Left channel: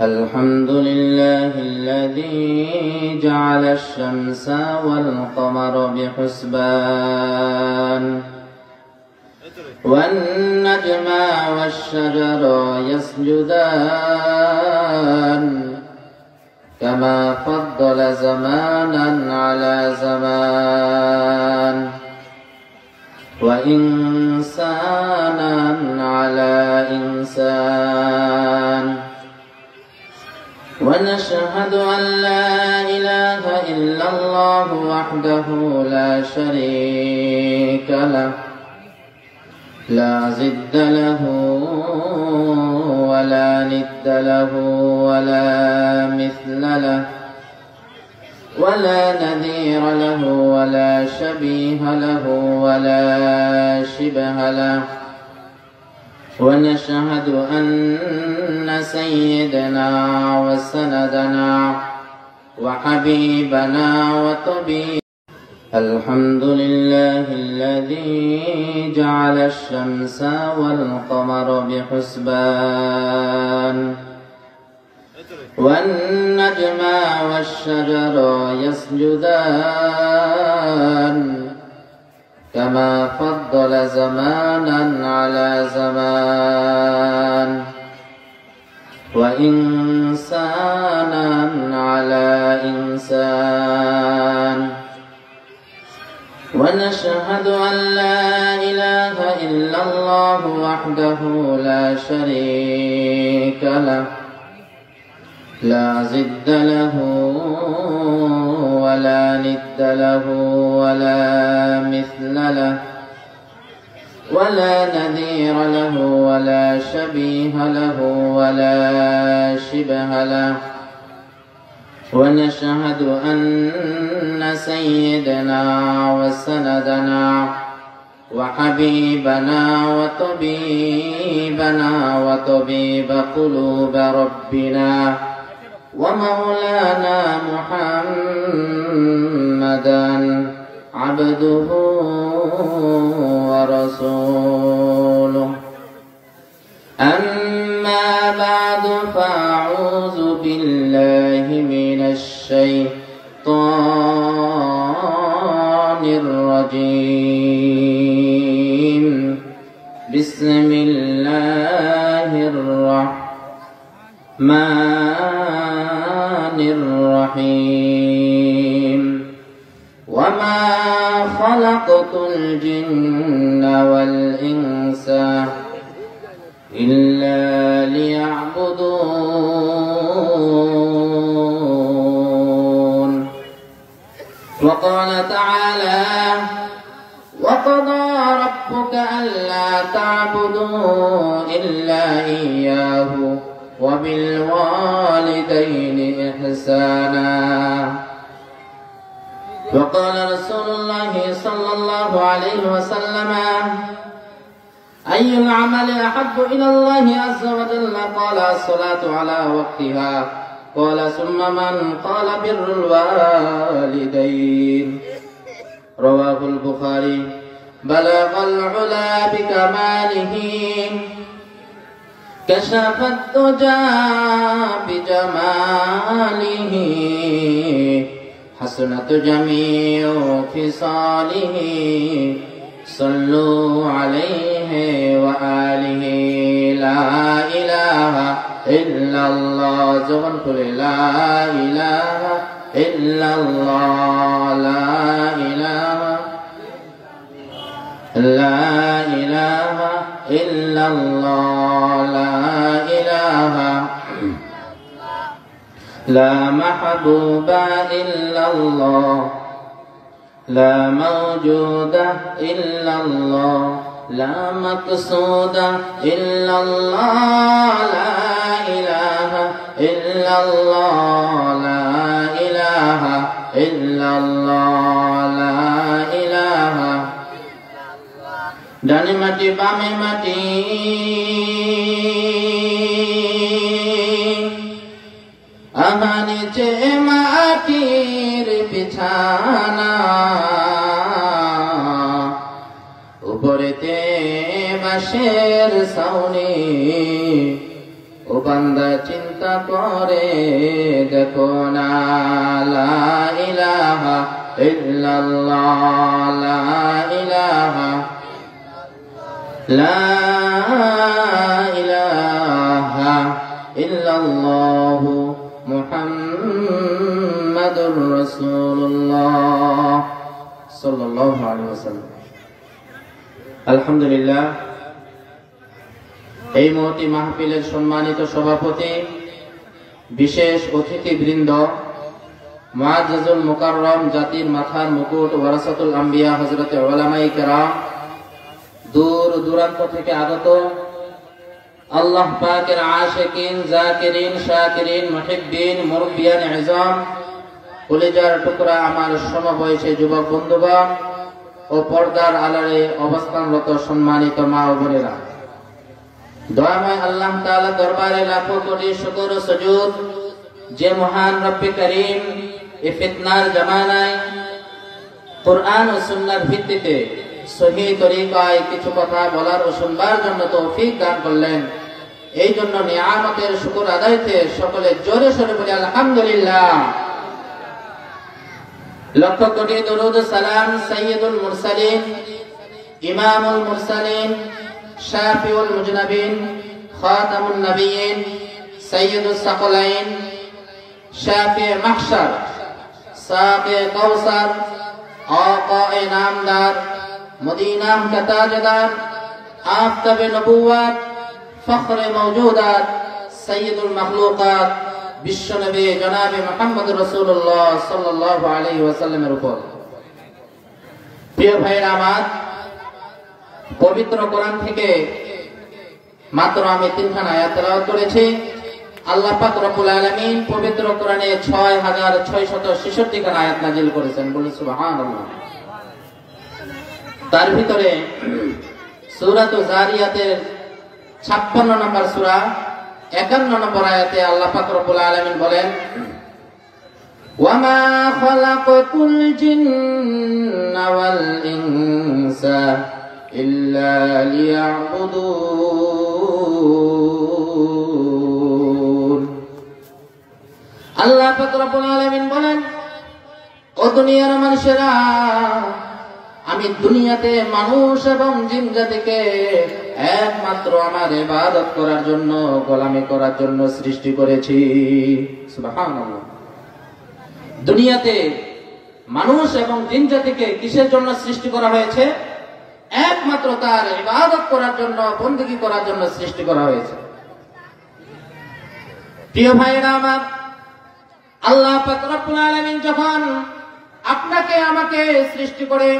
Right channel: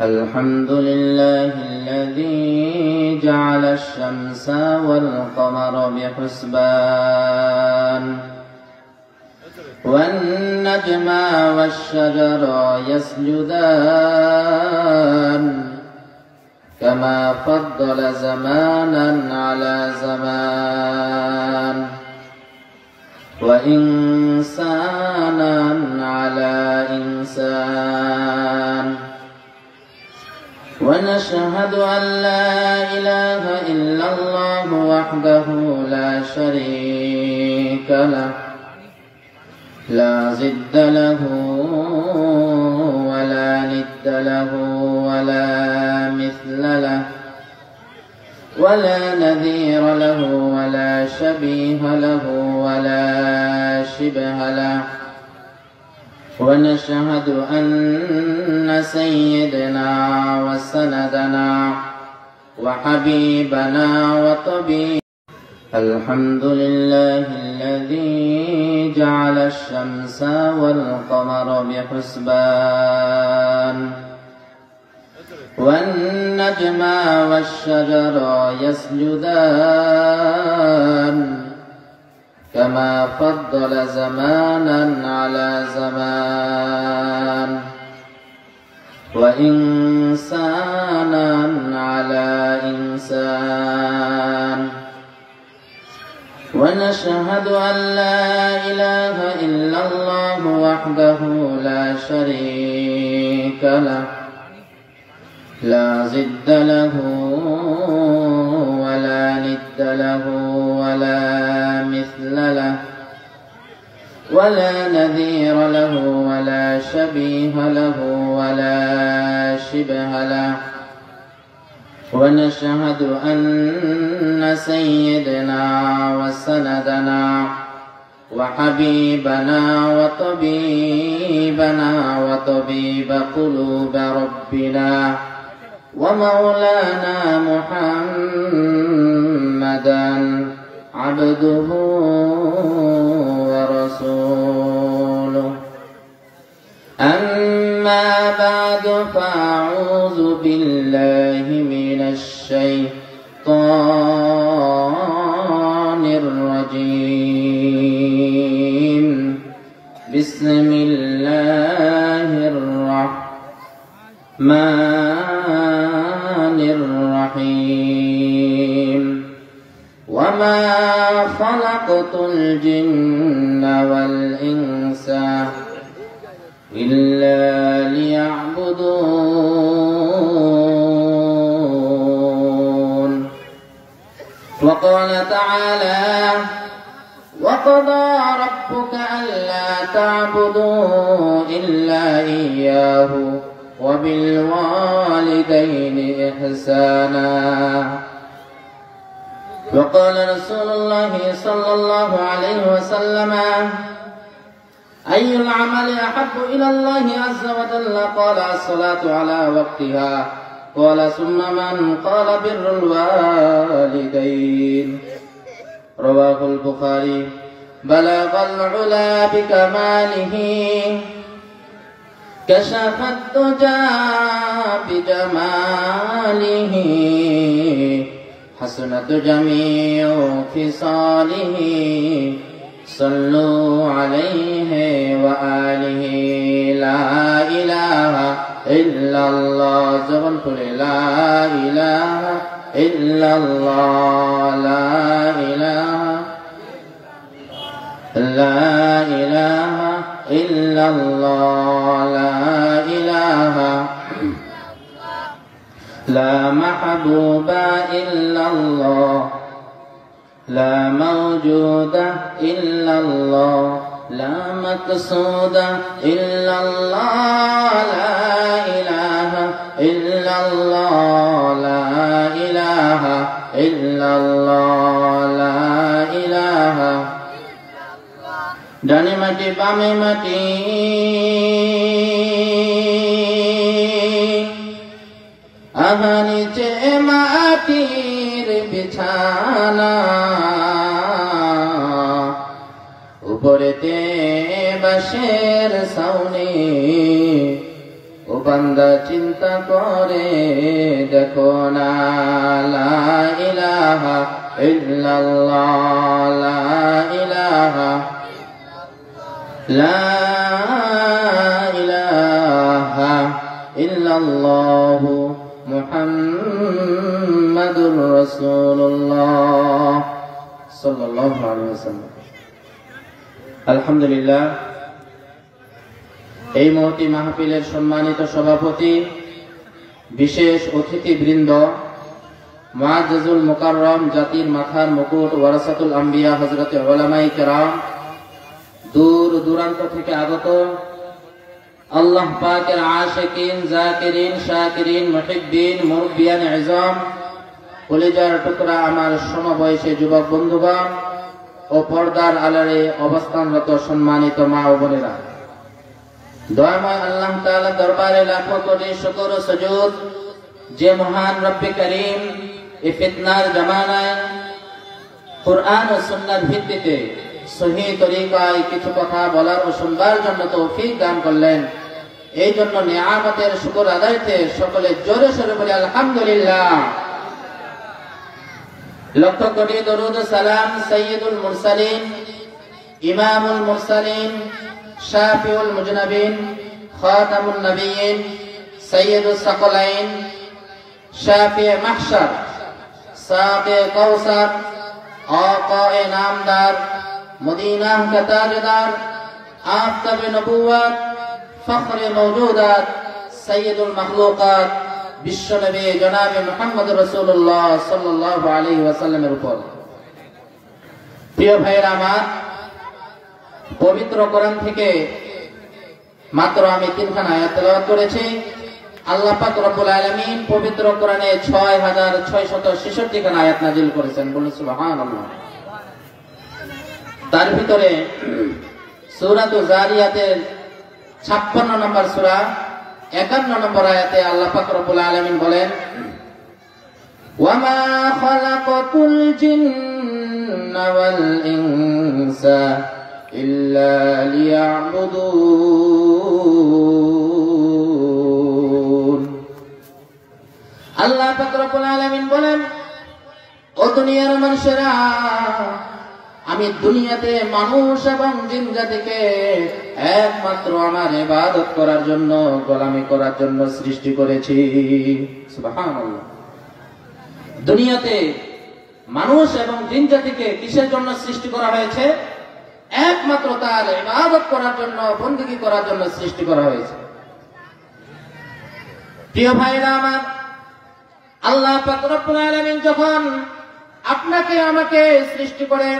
الحمد لله الذي جعل الشمس والقمر بحسبان والنجم والشجر يسجدان كما فضل زمانا على زمان وإنسانا على إنسان ونشهد أن لا إله إلا الله وحده لا شريك له لا ضد له ولا ند له ولا مثل له ولا نذير له ولا شبيه له ولا شبه له ونشهد أن سيدنا وسندنا وحبيبنا وطبيبنا الحمد لله الذي جعل الشمس والقمر بحسبان والنجم والشجر يسجدان كما فضل زمانا على زمان وإنسانا على إنسان ونشهد أن لا إله إلا الله وحده لا شريك له لا ضد له ولا ند له ولا مثل له ولا نذير له ولا شبيه له ولا شبه له ونشهد أن سيدنا وسندنا وحبيبنا وطبيبنا وطبيب قلوب ربنا ومولانا محمدا عبده ورسوله أما بعد فأعوذ بالله من الشيطان الرجيم بسم الله الرحمن الرحيم وما خلقت الجن والإنس إلا ليعبدون وقال تعالى وقضى ربك ألا تعبدوا إلا إياه وبالوالدين إحسانا وقال رسول الله صلى الله عليه وسلم أي العمل أحب إلى الله عز وجل قال الصلاة على وقتها قال ثم من قال بر الوالدين رواه البخاري بلغ العلا بكماله كشف الدجى بجماله حسنت جميع خصاله صلوا عليه وآله لا إله إلا الله زبن قل لا إله إلا الله لا إله إلا الله لا إله لا محبوب إلا الله لا موجود إلا الله لا مقصود إلا الله لا إله إلا الله لا إله إلا الله لا إله ডানে মাটি বামে মাটি আমার নিচে মাটির বিছানা উপরেতে বাঁশের ছাউনি বান্দা চিন্তা করে দেখো না, লা ইলাহা ইল্লাল্লাহ, লা ইলাহা ইল্লাল্লাহু মুহাম্মাদুর রাসূলুল্লাহ সাল্লাল্লাহু আলাইহি ওয়াসাল্লাম। আলহামদুলিল্লাহ, এই মহতী মাহফিলের সম্মানিত সভাপতি, বিশেষ অতিথিবৃন্দ, মুআজ্জাজুল মুকাররম, জাতির মাথার মুকুট, ওয়ারাসাতুল আম্বিয়া হযরতে উলামায়ে কেরাম, দূর দূরান্ত থেকে আগত আল্লাহ পাকের আশিকিন, জাকিরিন, শাকিরিন, মুহিব্বিন, মুরব্বিয়ান ইজাম, কলিজার টুকরা আমার সমবয়সী যুবক বন্ধুগণ ও পর্দার আড়ালে অবস্থানরত সম্মানিত মা ও বোনেরা, দয়াময় আল্লাহ তাআলার দরবারে লাখো কোটি শুকর ও সুজুদ, যে মহান রব্বে করিম এই ফিতনার জামানায় কুরআন ও সুন্নাহর ভিত্তিতে সহিহ তরিকায় কিছু কথা বলার ও শুনবার জন্য তৌফিক দান করলেন। এই জন্য নিয়ামতের শুকর আদায়তে সকলে জোরে সোরে বলি আলহামদুলিল্লাহ। লক্ষ কোটি দরুদ ও সালাম সাইয়্যিদুল মুরসালিন, ইমামুল মুরসালিন, শাফিউল মুজনাবিন, খাতামুন নবিয়্যিন, সাইয়্যিদুস সাকলাইন, শাফি মাহশার, সাকে কাউসার, আকায়ে নামদার, মদিনা কে তাজদার, আফতাবে নবুওয়াত, ফখরে মওজুদাত, সাইয়্যিদুল মাখলুকাত, বিশ্বনবী জনাবে মুহাম্মদুর রাসূলুল্লাহ সাল্লাল্লাহু আলাইহি ওয়াসাল্লামের উপর। প্রিয় ভাইয়েরা আমার, পবিত্র কোরআন থেকে মাত্র আমি 3খানা আয়াত তেলাওয়াত করেছি। আল্লাহ পাক রব্বুল আলামিন পবিত্র কোরআনে 6666 খানা আয়াত নাযিল করেছেন, বলুন সুবহানাল্লাহ। তার ভিতরে সূরাত যারিয়াতের 56 নম্বর সূরা 51 নম্বর আয়াতে আল্লাহ পাক রব্বুল আলামিন বলেন, ওয়ামা খালাকাতুল জিন্না ওয়াল ইনসা ইল্লা লিয়াবুদুন। আল্লাহ পাক রব্বুল আলামিন বলেন, ও দুনিয়ার মানুষেরা, আমি দুনিয়াতে মানুষ এবং জিন জাতিকে একমাত্র আমার ইবাদত করার জন্য, গোলামি করার জন্য সৃষ্টি করেছি। সুবহানাল্লাহ। দুনিয়াতে মানুষ এবং জিন জাতিকে কিসের জন্য সৃষ্টি করা হয়েছে? একমাত্র তার ইবাদত করার জন্য, বندگی করার জন্য সৃষ্টি করা হয়েছে। প্রিয় ভাইয়েরা আমার, আল্লাহ পাক রব্বুল আলামিন যখন আপনাকে আমাকে সৃষ্টি করে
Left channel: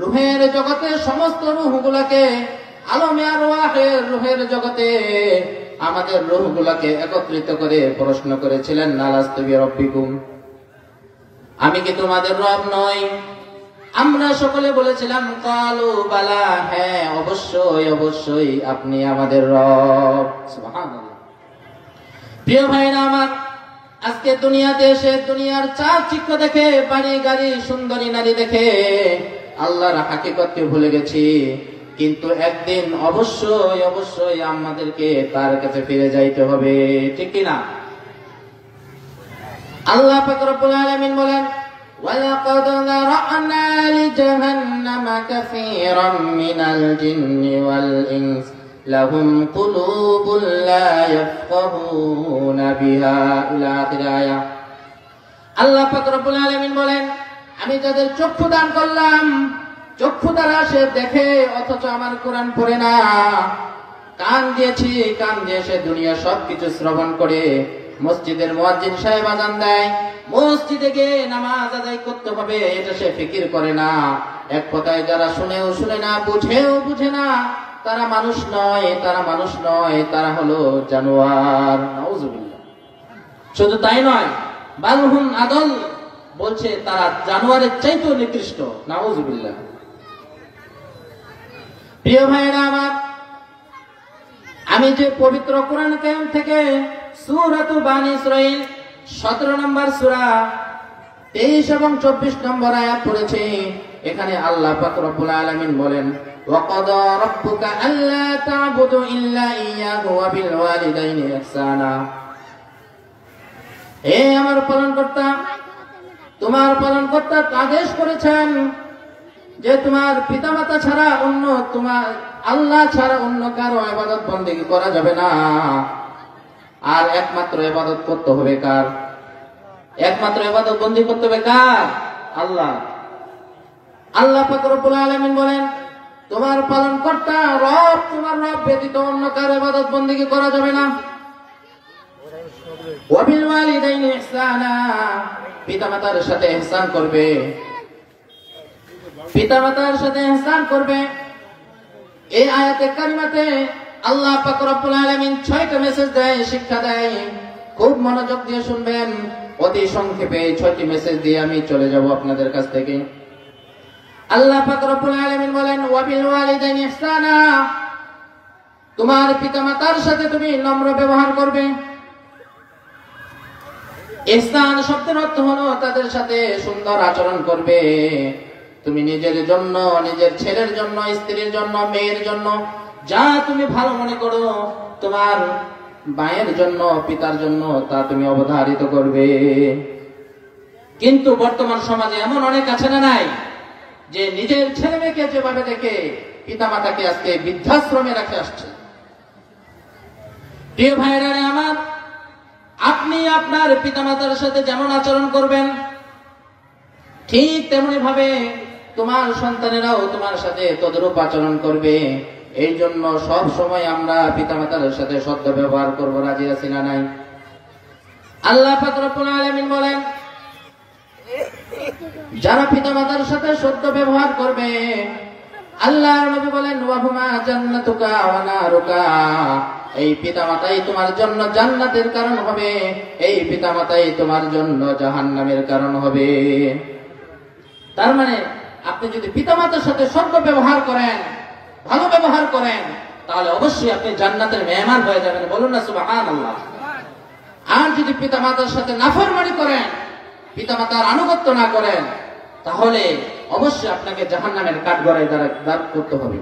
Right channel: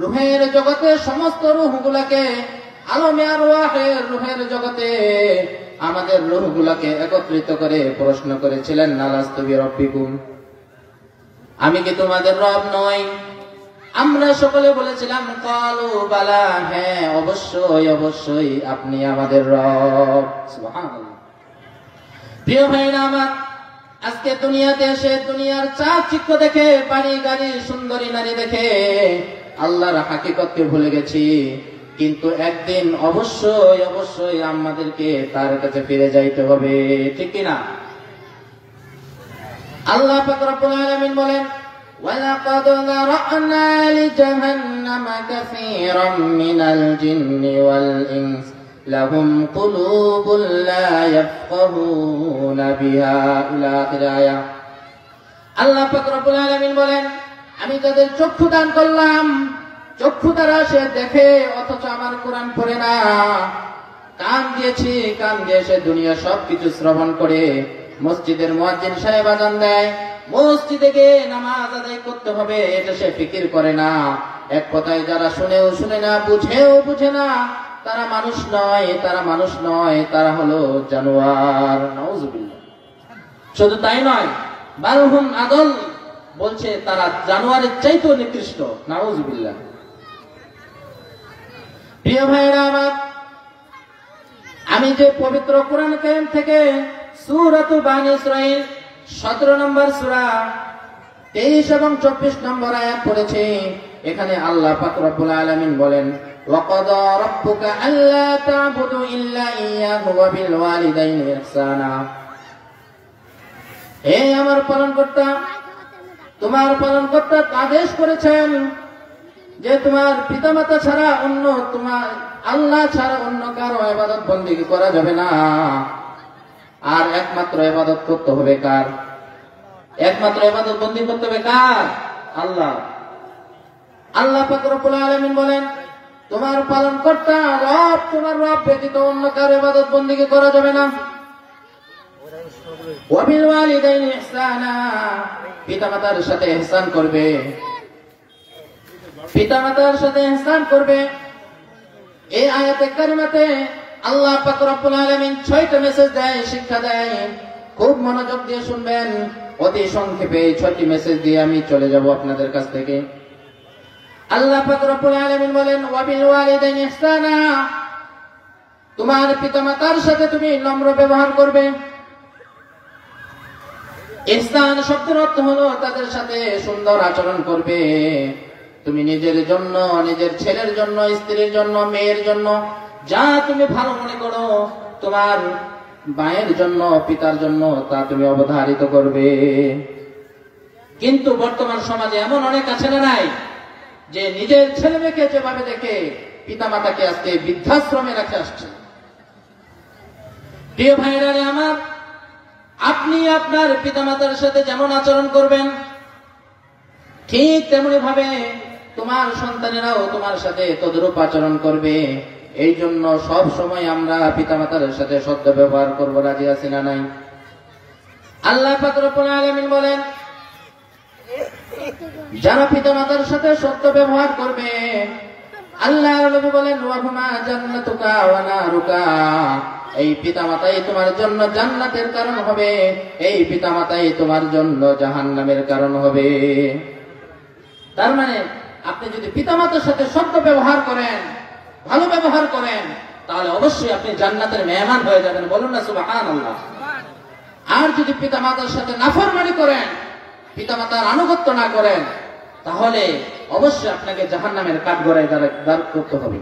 রূহের জগতে, সমস্ত রূহগুলোকে, আলমে আরওয়াহের রূহের জগতে আমাদের রূহগুলোকে একত্রিত করে প্রশ্ন করেছিলেন, আলাস্তু বিরাব্বিকুম, আমি কি তোমাদের রব নই? আমরা সকলে বলেছিলাম কালু বালা, হ্যাঁ অবশ্যই অবশ্যই আপনি আমাদের রব। সুবহানাল্লাহ। প্রিয় ভাইরা আমার, আজকে দুনিয়াতে এসে দুনিয়ার চাকচিক্য দেখে, বাড়ি গাড়ি, সুন্দরী নারী দেখে আল্লাহর হাকিকতকে ভুলে গেছি। কিন্তু একদিন অবশ্যই অবশ্যই আমাদেরকে তার কাছে ফিরে যাইতে হবে, ঠিক কিনা? আল্লাহ পাক রব্বুল আলামিন বলেন, ওয়ালাকাদ যারা'না লিজাহান্নামা কাসীরাম মিনাল জিন্নি ওয়াল ইনস লাহুম কুলুবুন লা ইয়াফকাহুনা বিহা, ইলা আখির আয়াত। আল্লাহ পাক রব্বুল আলামিন বলেন, আমি যাদের চক্ষু দান করলাম, চক্ষু দ্বারা সে দেখে অথচ আমার কোরআন পড়ে না, কান দিয়েছি, কান দিয়ে সে দুনিয়া সবকিছু শ্রবণ করে, মসজিদের মুয়াজ্জিন সাহেব আযান দেয়, মসজিদে গিয়ে নামাজ আদায় করতে হবে, এটা সে ফিকির করে না। এক কথায় যারা শুনেও শুনে না, বুঝেও বুঝে না, তারা মানুষ নয়, তারা মানুষ নয়, তারা হলো জানোয়ার। নাউযুবিল্লাহ। শুধু তাই নয়, বালহুম আদল, বলছে তারা জানোয়ারের চাইতেও নিকৃষ্ট। নাউযুবিল্লাহ। প্রিয় ভাইরা আমার, আমি যে পবিত্র কোরআন কারীম থেকে সূরাতুল বানী ইসরাঈল 17 নম্বর সূরা 23 এবং 24 নম্বর আয়াত পড়েছি, এখানে আল্লাহ পাক রব্বুল আলামিন বলেন, وقضى ربك ألا تعبدوا إلا إياه وبالوالدين إحسانا হে আমার পালনকর্তা, তোমার পালনকর্তা আদেশ করেছেন যে তোমার পিতামাতা ছাড়া অন্য, তোমার আল্লাহ ছাড়া অন্য কারো ইবাদত বন্দেগী করা যাবে না। আর একমাত্র ইবাদত করতে হবে কার? একমাত্র ইবাদত বন্দেগী করতে হবে কার? আল্লাহ। আল্লাহ পাক রব্বুল আলামিন বলেন, তোমার পালনকর্তা রব, তোমার রব ব্যতীত অন্য কারো ইবাদত বন্দেগী করা যাবে না। ওয়াবিল ওয়ালিদাইনি ইহসানা, পিতামাতার সাথে ইহসান করবে, পিতামাতার সাথে ইহসান করবে। এই আয়াতে কারিমাতে আল্লাহ পাক রব্বুল আলামিন 6টা মেসেজ দেয়, শিক্ষা দেয়। খুব মনোযোগ দিয়ে শুনবেন। অতি সংক্ষেপে 6টি মেসেজ দিয়ে আমি চলে যাব আপনাদের কাছ থেকে। আল্লাহ পাক রব্বুল আলামিন বলেন, ওয়াবিল ওয়ালিদাইনি ইহসানা, তোমার পিতামাতার সাথে তুমি নম্র ব্যবহার করবে। ইহসান শব্দের অর্থ হলো তাদের সাথে সুন্দর আচরণ করবে। তুমি নিজের জন্য, নিজের ছেলের জন্য, স্ত্রীর জন্য, মেয়ের জন্য যা তুমি ভালো মনে করো, তোমার মায়ের জন্য, পিতার জন্য তা তুমি অবধারিত করবে। কিন্তু বর্তমান সমাজে এমন অনেক আছে না নাই, যে নিজের ছেলে মেয়েকে যেভাবে দেখে পিতা মাতাকে আজকে বৃদ্ধাশ্রমে রেখে আসছে। প্রিয় ভাইরা আমার, আপনি আপনার পিতামাতার সাথে যেমন আচরণ করবেন, ঠিক তেমনি ভাবে তোমার সন্তানেরাও তোমার সাথে তদ্রূপ আচরণ করবে। এই জন্য সব সময় আমরা পিতামাতার সাথে সদ্য ব্যবহার করবো। রাজি আছি না নাই? আল্লাহ পাক রব্বুল আলামিন বলেন, যারা পিতামাতার সাথে সদ্য ব্যবহার করবে, আল্লাহর নবী বলেন, ওয়াহুমা জান্নাতুকা ওয়া নারুকা, এই পিতামাতাই তোমার জন্য জান্নাতের কারণ হবে, এই পিতামাতাই তোমার জন্য জাহান্নামের কারণ হবে। তার মানে আপনি যদি পিতামাতার সাথে সদ্য ব্যবহার করেন, ভালো ব্যবহার করেন, তাহলে অবশ্যই আপনি জান্নাতের মেহমান হয়ে যাবেন। বলুন না সুবহানাল্লাহ। আর যদি পিতামাতার সাথে নাফরমানি করেন, পিতামাতার আনুগত্য না করেন, তাহলে অবশ্যই আপনাকে জাহান্নামের কাঠগড়ায় দাঁড় করতে হবে।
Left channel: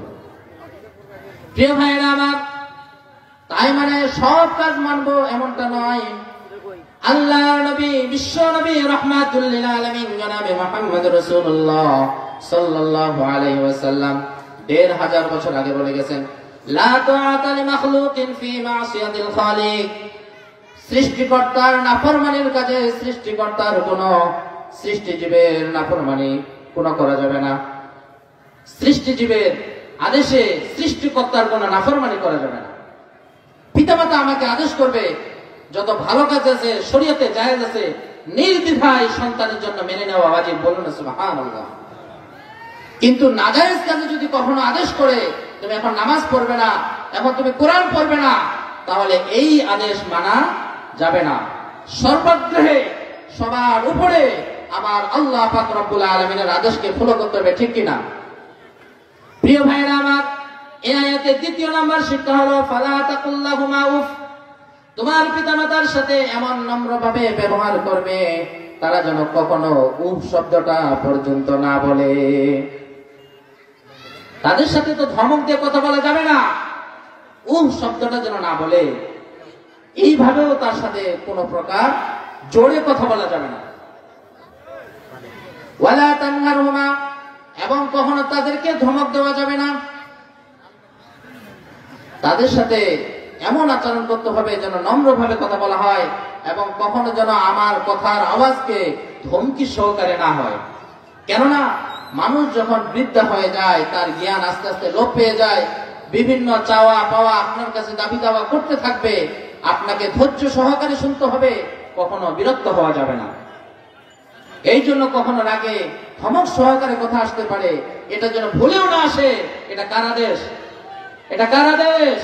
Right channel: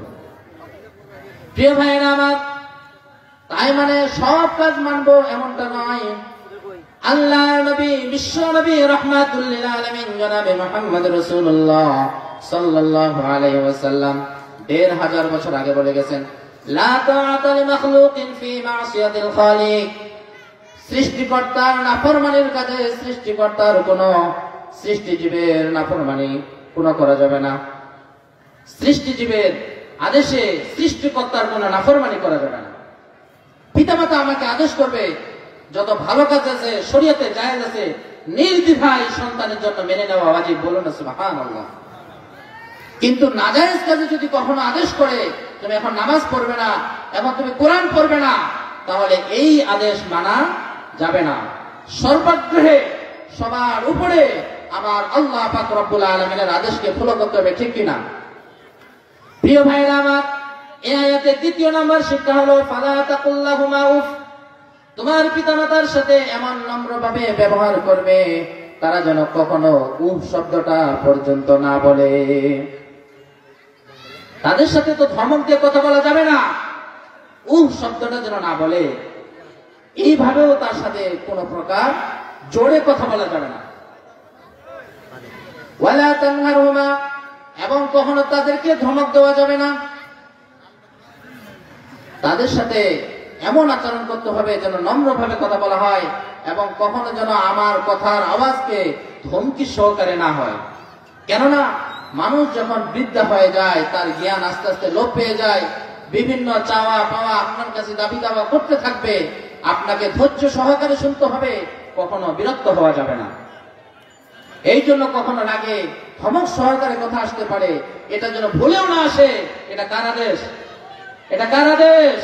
প্রিয় ভাইয়েরা আমার, তাই মানে সব কাজ মানবো এমনটা নয়। আল্লাহর নবী, বিশ্ব নবী রাহমাতুল লিল আলামিন জনাবে মুহাম্মদ রাসূলুল্লাহ সাল্লাল্লাহু আলাইহি ওয়াসাল্লাম ১৫০০ বছর আগে বলে গেছেন, লা তাআতা লিমাখলুকিন ফি মাসিয়াতিল খালিক, সৃষ্টিকর্তার নাফরমানির কাজে সৃষ্টিকর্তার কোন সৃষ্টিজীবের নাফরমানি কোন করা যাবে না। সৃষ্টিজীবের আদেশে সৃষ্টিকর্তার কোন নাফরমানি করা যাবে না। পিতামাতা আমাকে আদেশ করবে, যত ভালো কাজ আছে, শরীয়তে জায়েজ আছে, নির্দ্বিধায় সন্তানের জন্য মেনে নেওয়া ওয়াজিব। বলুন না সুবহানাল্লাহ। কিন্তু নাজায়েজ কাজে যদি কখনো আদেশ করে, তুমি এখন নামাজ পড়বে না, এখন তুমি কোরআন পড়বে না, তাহলে এই আদেশ মানা যাবে না। সর্বাগ্রহে সবার উপরে আমার আল্লাহ পাক রব্বুল আলামিনের আদেশকে ফলো করতে হবে, ঠিক কিনা? প্রিয় ভাইরা আমার, এই আয়াতের ২য় নাম্বার শিক্ষা হলো, ফালা তাকুল্লাহুমা উফ, তোমার পিতামাতার সাথে এমন নম্রভাবে ব্যবহার করবে, তারা যেন কখনো উফ শব্দটা পর্যন্ত না বলে। তাদের সাথে তো ধমক দিয়ে কথা বলা যাবে না, উফ শব্দটা যেন না বলে। এইভাবেও তার সাথে কোন প্রকার জোরে কথা বলা যাবে না। ওয়ালা তানহারহুমা, এবং কখনো তাদেরকে ধমক দেওয়া যাবে না। তাদের সাথে এমন আচরণ করতে হবে যেন নম্রভাবে কথা বলা হয়, এবং কখনো যেন আমার কথার আওয়াজকে ধমকি সহকারে না হয়। কেননা মানুষ যখন বৃদ্ধা হয়ে যায়, তার জ্ঞান আস্তে আস্তে লোপ পেয়ে যায়, বিভিন্ন চাওয়া পাওয়া আপনার কাছে দাবি দাওয়া করতে থাকবে, আপনাকে ধৈর্য সহকারে শুনতে হবে, কখনো বিরক্ত হওয়া যাবে না। এই জন্য কখনো রাগে ধমক সহকারে কথা আসতে পারে, এটা যেন ভুলেও না আসে। এটা কার আদেশ? এটা কার আদেশ?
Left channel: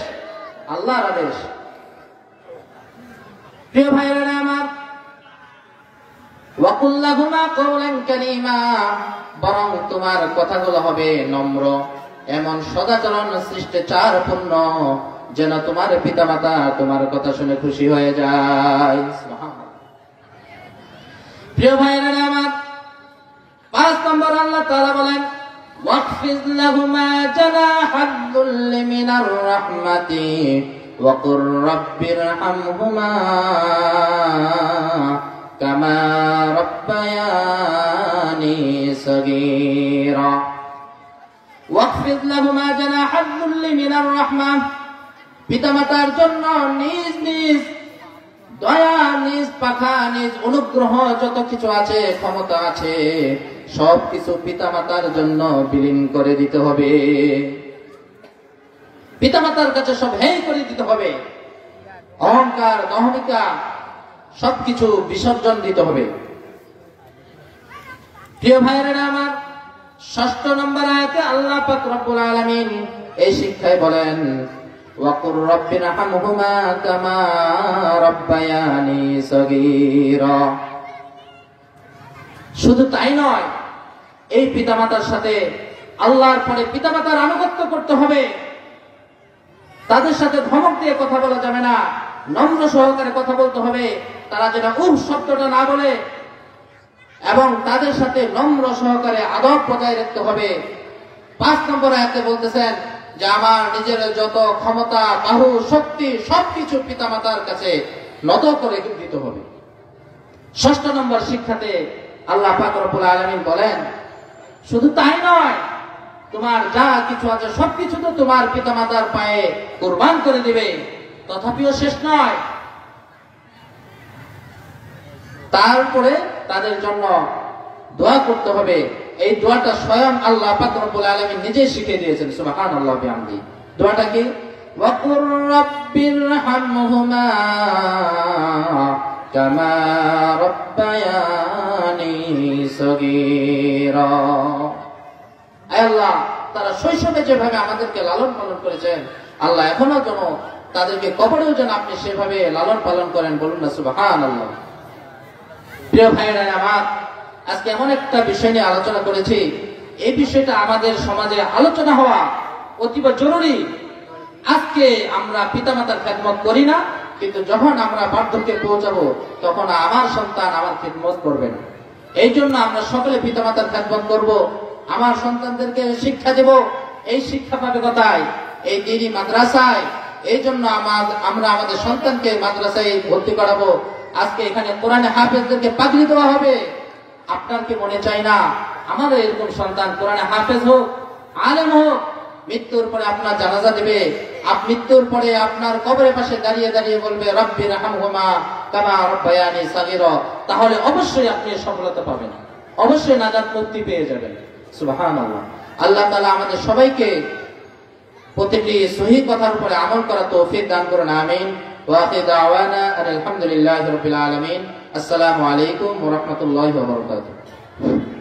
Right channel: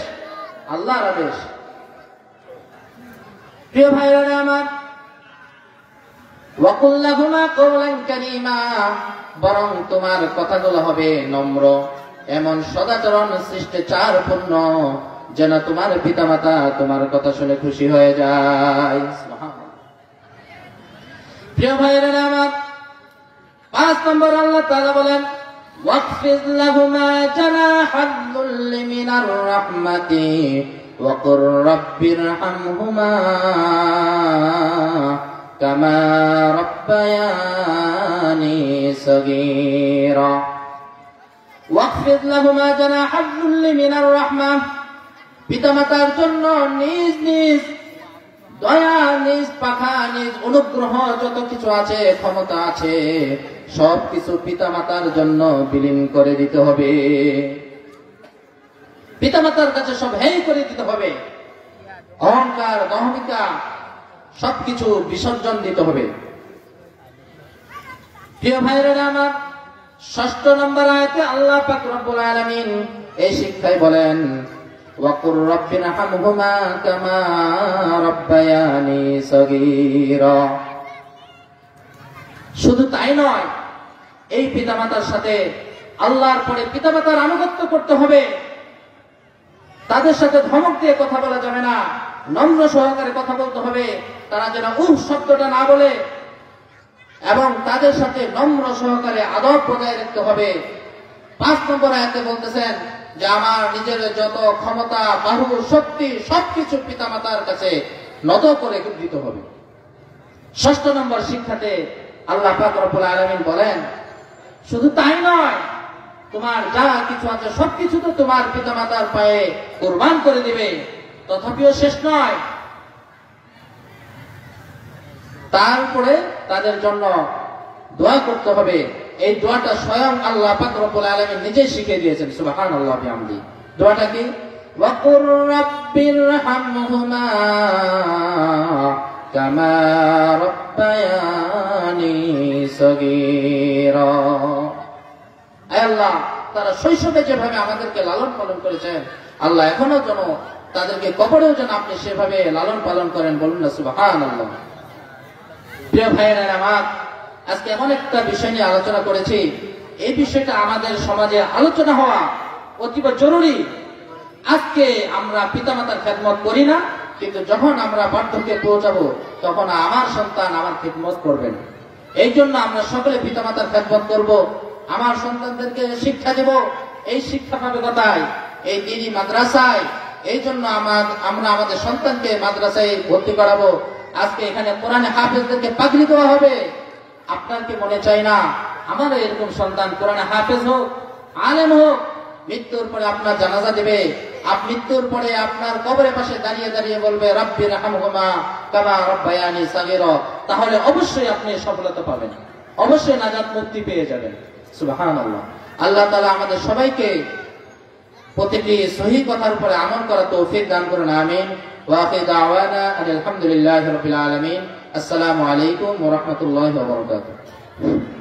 আল্লাহর আদেশ। প্রিয় ভাইরা আমার, ওয়াকুল লাহুমা কওলান কারীমা, বরং তোমার কথাগুলো হবে নম্র, এমন সদাচরণ শিষ্টাচারপূর্ণ, যেন তোমার পিতামাতা তোমার কথা শুনে খুশি হয়ে যায়। প্রিয় ভাইরা আমার, ৫ নম্বর আল্লাহ তাআলা বলেন, واخفض لهما جناح الذل من الرحمة وقل رب ارحمهما كما ربياني صغيرا واخفض لهما جناح الذل من الرحمة পিতামাতার জন্য নিজ নিজ দয়া, নিজ পাখা, নিজ অনুগ্রহ যত কিছু আছে, ক্ষমতা আছে, সবকিছু পিতামাতার জন্য বিলীন করে দিতে হবে। পিতামাতার কাছে সব হেয় করে দিতে হবে। অহংকার, অহমিকা সবকিছু বিসর্জন দিতে হবে। প্রিয় ভাইয়েরা আমার, ৬ষ্ঠ নম্বর আয়াতে আল্লাহ পাক রব্বুল আলামিন এই শিক্ষায় বলেন, ওয়াকুর রাব্বিরহামহুমা কামা রাব্বায়ানি সগীরা। শুধু তাই নয়, এই পিতামাতার সাথে আল্লাহর পরে পিতামাতার আনুগত্য করতে হবে। তাদের সাথে ধমক দিয়ে কথা বলা যাবে না, নম্র সহকারে কথা বলতে হবে। তারা যেন শব্দটা না বলে, এবং তাদের সাথে নম্র সহকারে আদব বজায় রাখতে হবে। ৫ নম্বর আয়াতে বলতেছেন যে আমার নিজের যত ক্ষমতা, বাহু, শক্তি সবকিছু পিতামাতার কাছে নত করে দিতে হবে। ৬ষ্ঠ নম্বর শিক্ষাতে আল্লাহ পাক রব্বুল আলামিন বলেন, শুধু তাই নয়, তোমার যা কিছু আছে সবকিছু তো তোমার পিতামাতার পায়ে কুরবান করে দিবে। তথাপিও শেষ নয়, তারপরে তাদের জন্য দোয়া করতে হবে। এই দোয়াটা স্বয়ং আল্লাহ পাক রব্বুল আলামিন নিজেই শিখিয়ে দিয়েছেন। সুবহানাল্লাহ বিহামদি। দোয়াটা কি? ওয়াকুর রাব্বিরহামহুমা কামা রাব্বায়ানি সগীরা। আয় আল্লাহ, তারা শৈশবে যেভাবে আমাদেরকে লালন পালন করেছেন, আল্লাহ এখনো যেন তাদেরকে কবরেও যেন আপনি সেভাবে লালন পালন করেন। বলুন না সুবহানাল্লাহ। প্রিয় ভাইয়েরা আমার, আজকে এমন একটা বিষয় নিয়ে আলোচনা করেছি, এই বিষয়টা আমাদের সমাজে আলোচনা হওয়া অতীব জরুরি। আজকে আমরা পিতামাতার খেদমত করি না, কিন্তু যখন আমরা বার্ধক্যে পৌঁছাবো তখন আমার সন্তান আমার খেদমত করবেন। এই জন্য আমরা সকলে পিতামাতার খেদমত করব, আমার সন্তানদেরকে শিক্ষা দেব। এই শিক্ষা পাবে কোথায়? এই দিনী মাদ্রাসায়। এই জন্য আমরা আমাদের সন্তানকে মাদ্রাসায় ভর্তি করাবো। আজকে এখানে কোরআনে হাফেজদেরকে পাগড়ি করা হবে। আপনার কি মনে চাই না আমাদের এরকম সন্তান কোরআনে হাফেজ হোক, আলেম হোক? মৃত্যুর পরে আপনার জানাজা দেবে, মৃত্যুর পরে আপনার কবরের পাশে দাঁড়িয়ে দাঁড়িয়ে বলবে রব্বিরহামহুমা কামা রাব্বায়ানি সগীরা। তাহলে অবশ্যই আপনি সফলতা পাবেন, অবশ্যই নাজাত মুক্তি পেয়ে যাবেন। সুবহানাল্লাহ। আল্লাহ তাআলা আমাদের সবাইকে প্রতিটি সহিহ কথার উপরে আমল করার তৌফিক দান করুন। আমিন। ওয়া আখিরু দাওয়ানা আলহামদুলিল্লাহি রাব্বিল আলামিন। আসসালামু আলাইকুম ওয়া রাহমাতুল্লাহি ওয়া বারাকাতুহু।